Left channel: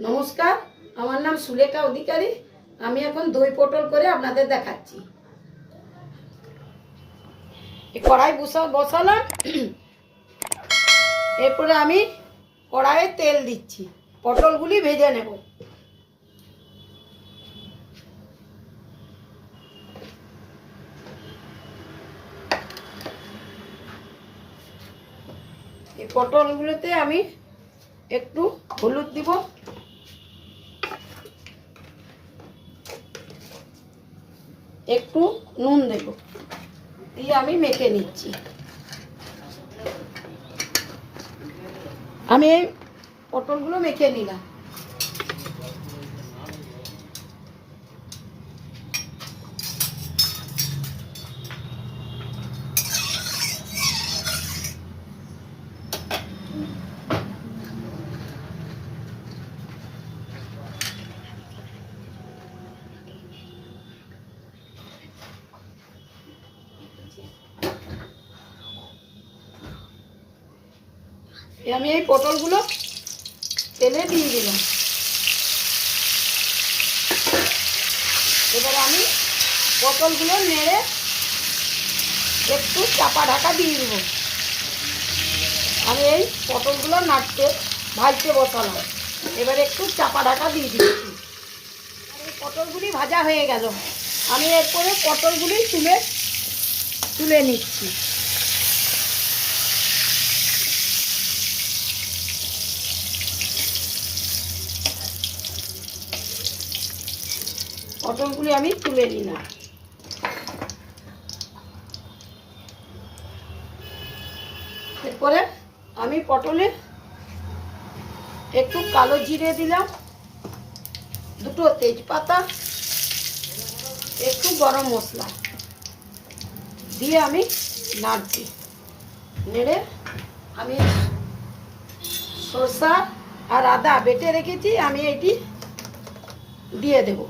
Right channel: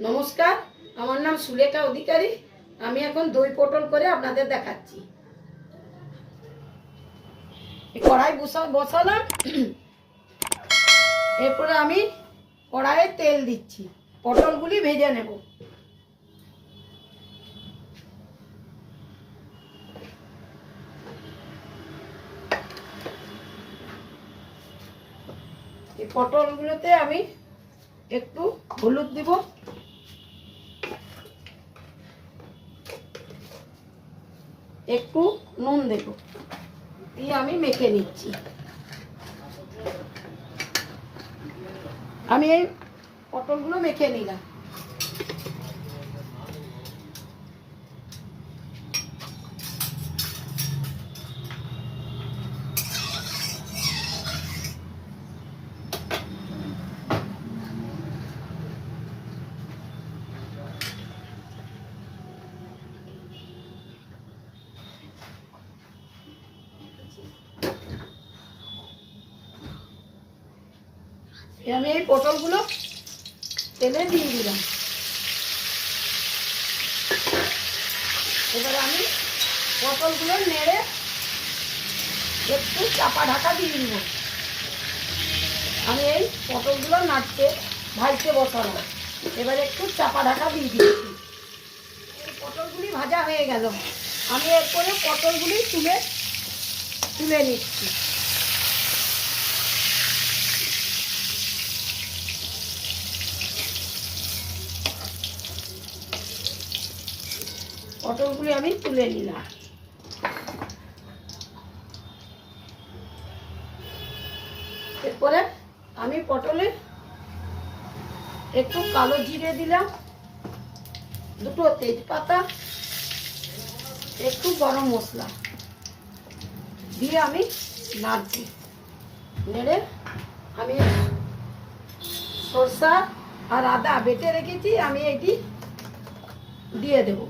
নমস্কার, আমার নাম সুলেখা অধিকারী। আমি এখন দই পটল করে আপনাদের দেখাচ্ছি। কড়াই বসালাম। এরপরে আমি কড়াইয়ে তেল দিচ্ছি, পটলগুলি ভেজে নেব। এই পটলগুলোতে আমি একটু হলুদ দিব, একটু নুন দেব, দিয়ে আমি মেখে নিচ্ছি। আমি এই পটলগুলো মেখে নিলাম। আমি এই পটলগুলো তেলে দিয়ে দিলাম। এবার আমি পটলগুলো নেড়ে একটু চাপা ঢাকা দিয়ে দিব। আমি এই পটলগুলো ভাজতে বসালাম। এবার একটু চাপা ঢাকা দিয়ে দিচ্ছি। পটলগুলি ভাজা হয়ে গেল। আমি এরপরে পটলগুলি তুলে নিচ্ছি। পটলগুলি আমি তুলে নিলাম। এরপরে আমি পটলে একটু কালো জিরে দিলাম, দুটো তেজপাতা, একটু গরম মশলা দিয়ে আমি নাড়ছি। নেড়ে আমি সরষা আর আদা বেটে রেখেছি, আমি এটি দিয়ে দেব।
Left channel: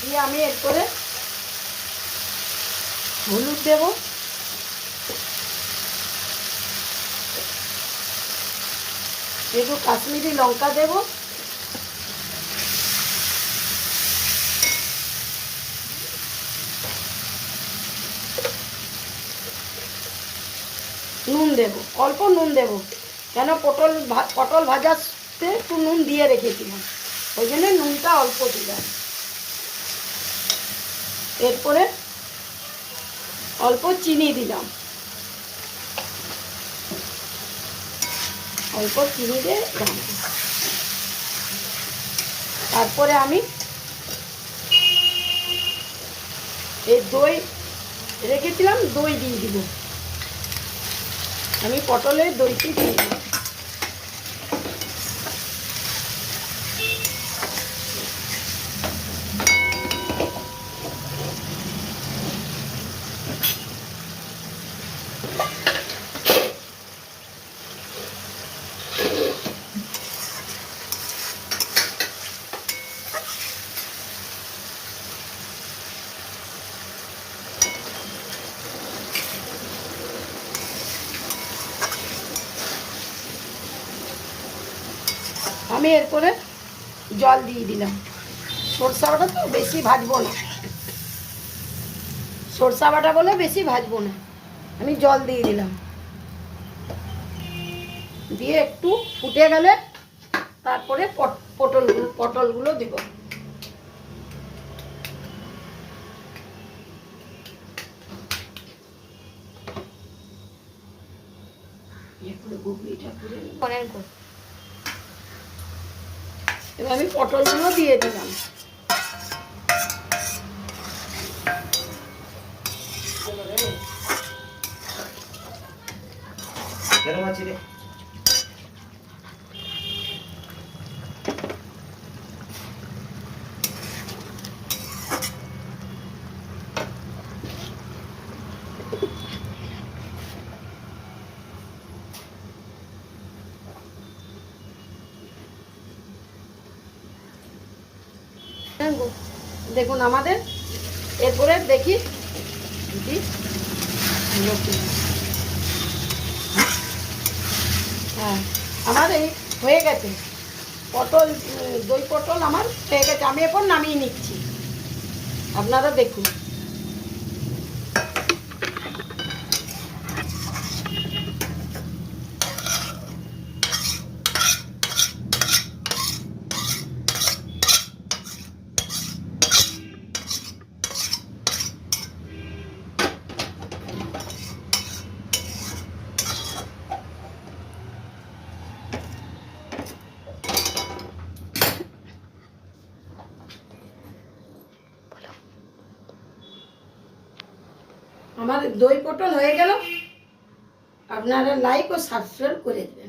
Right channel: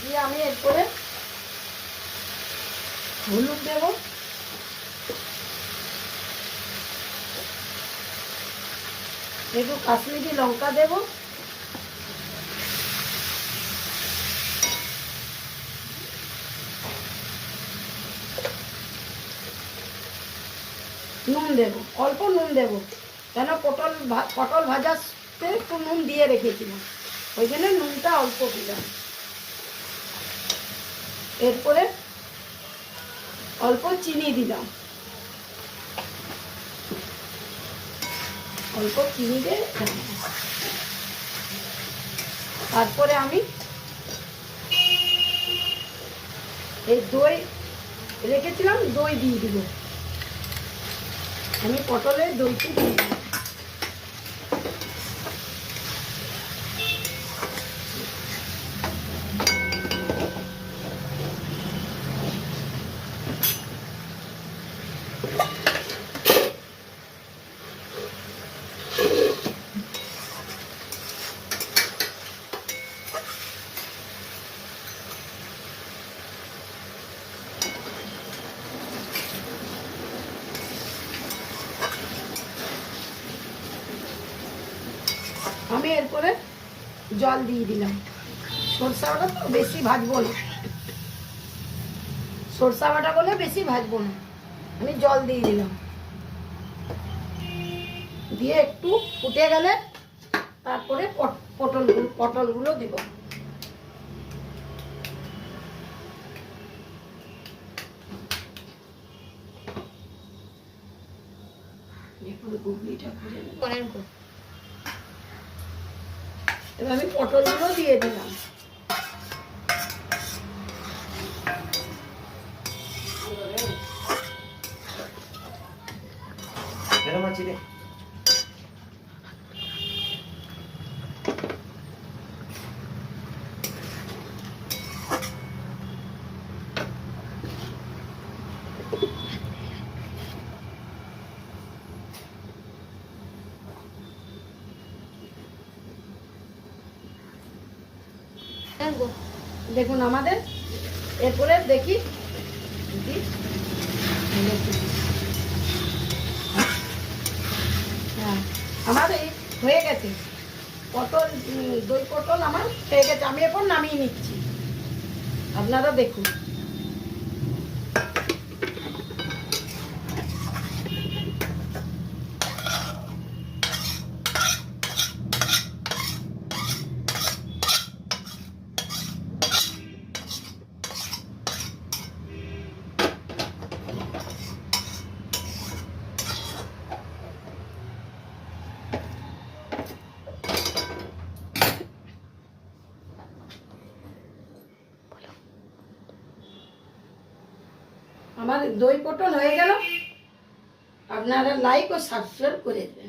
দিয়ে আমি এরপরে হলুদ দেব, একটু কাশ্মীরি লঙ্কা দেব, নুন দেব, অল্প নুন দেব, কেন পটল ভাজাতে একটু নুন দিয়ে রেখেছিলাম, ওই জন্য নুনটা অল্প দিলাম। এরপরে অল্প চিনি দিলাম, অল্প চিনি দিয়ে তারপরে আমি এই দই রেখেছিলাম, দই দিয়ে দিব। আমি পটলের দইটি দিয়ে দিই। আমি এরপরে জল দিয়ে দিলাম। সরষা বাটা তো বেশি ভাজবো না, সরষা বাটা বলে বেশি ভাজবো না। আমি জল দিয়ে দিলাম, দিয়ে একটু ফুটে গেলে তারপরে পটলগুলো দেব। এবার আমি পটলগুলো দিয়ে দিলাম। দেখুন আমাদের, এরপরে দেখি হ্যাঁ আমার এই হয়ে গেছে পটল, দই পটল আমার হয়ে গেছে। আমি এখন নামিয়ে নিচ্ছি, আপনারা দেখুন। আমার দই পটল হয়ে গেল। আপনারা লাইক ও সাবস্ক্রাইব করে দেবেন।